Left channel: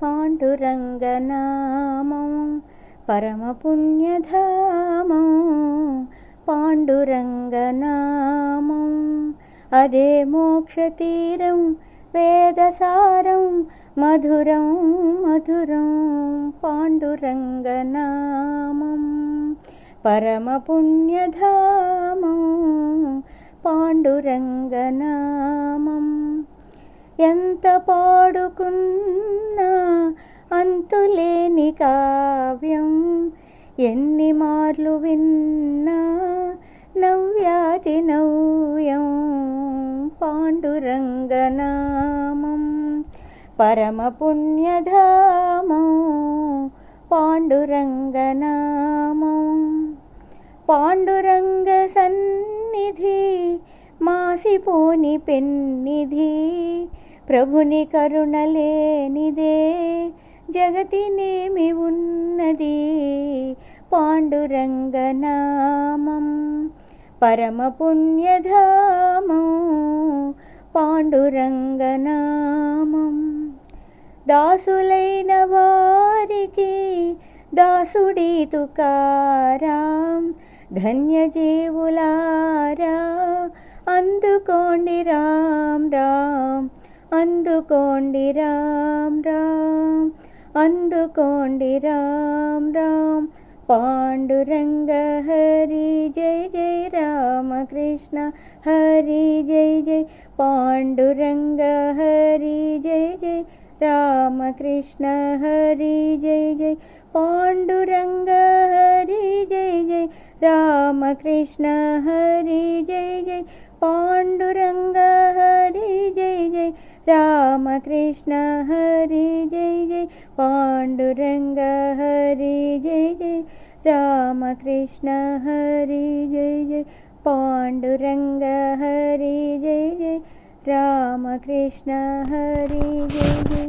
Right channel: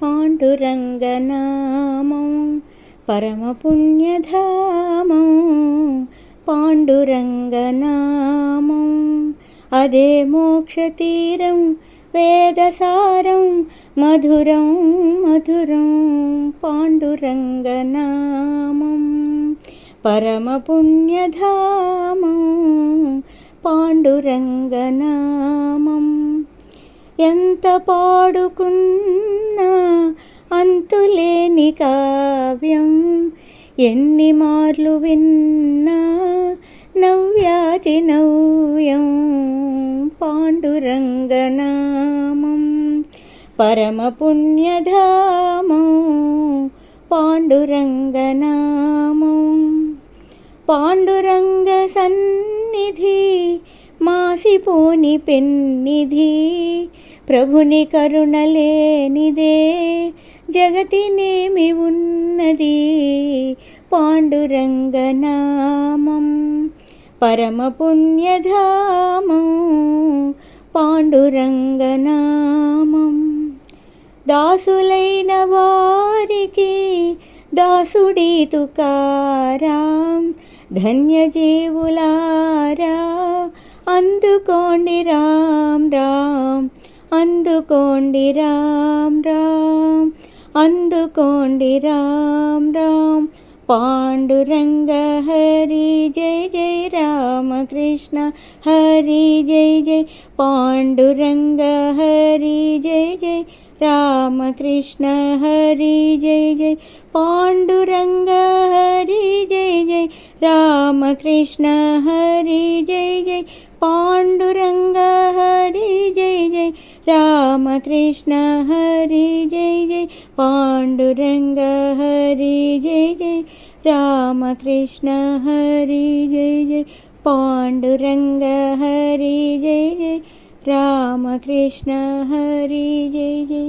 పాండురంగనామం పరమపుణ్యధామం పాండురంగనామం అదే మోక్షతీరం వేదసారం మధురం మధురం పాండురంగనామం పరమపుణ్యధామం పాండురంగనామం ఎంత పాడుకున్నా అంతులేని కావ్యం ఎన్ని మార్లు విన్నా నవ్యాతి నవ్యం పాండురంగనామం పరమపుణ్యధామం పాండురంగనామం పాండురంగ సన్నిధి మాసిపోని పెన్నిధి ప్రభుని కరుణలేనిదే జగతినేమి ఉన్నది పాండురంగనామం పరమపుణ్యధామం పాండురంగనామం దాసులైన వారికి దాసుడీ తుకారాం ధన్యజీవులారా అందుకోండి రామ్ రామ్ అందుకోండి రామ్ రామ్ అందుకోండి రామ్ రామ్ పాండురంగ హరి జై జై రామకృష్ణ హరి జై జై పాండురంగ హరి జై జై రామకృష్ణ హరి జై జై పాండురంగ హరి జై జై రామకృష్ణ హరి జై జై పాండురంగ హరి జై జై రామకృష్ణ హరి జై జై పాండురంగ హరి జై జై రామకృష్ణ హరి జై జై పాండురంగ హరి జై జై రామకృష్ణ హరి జై జై।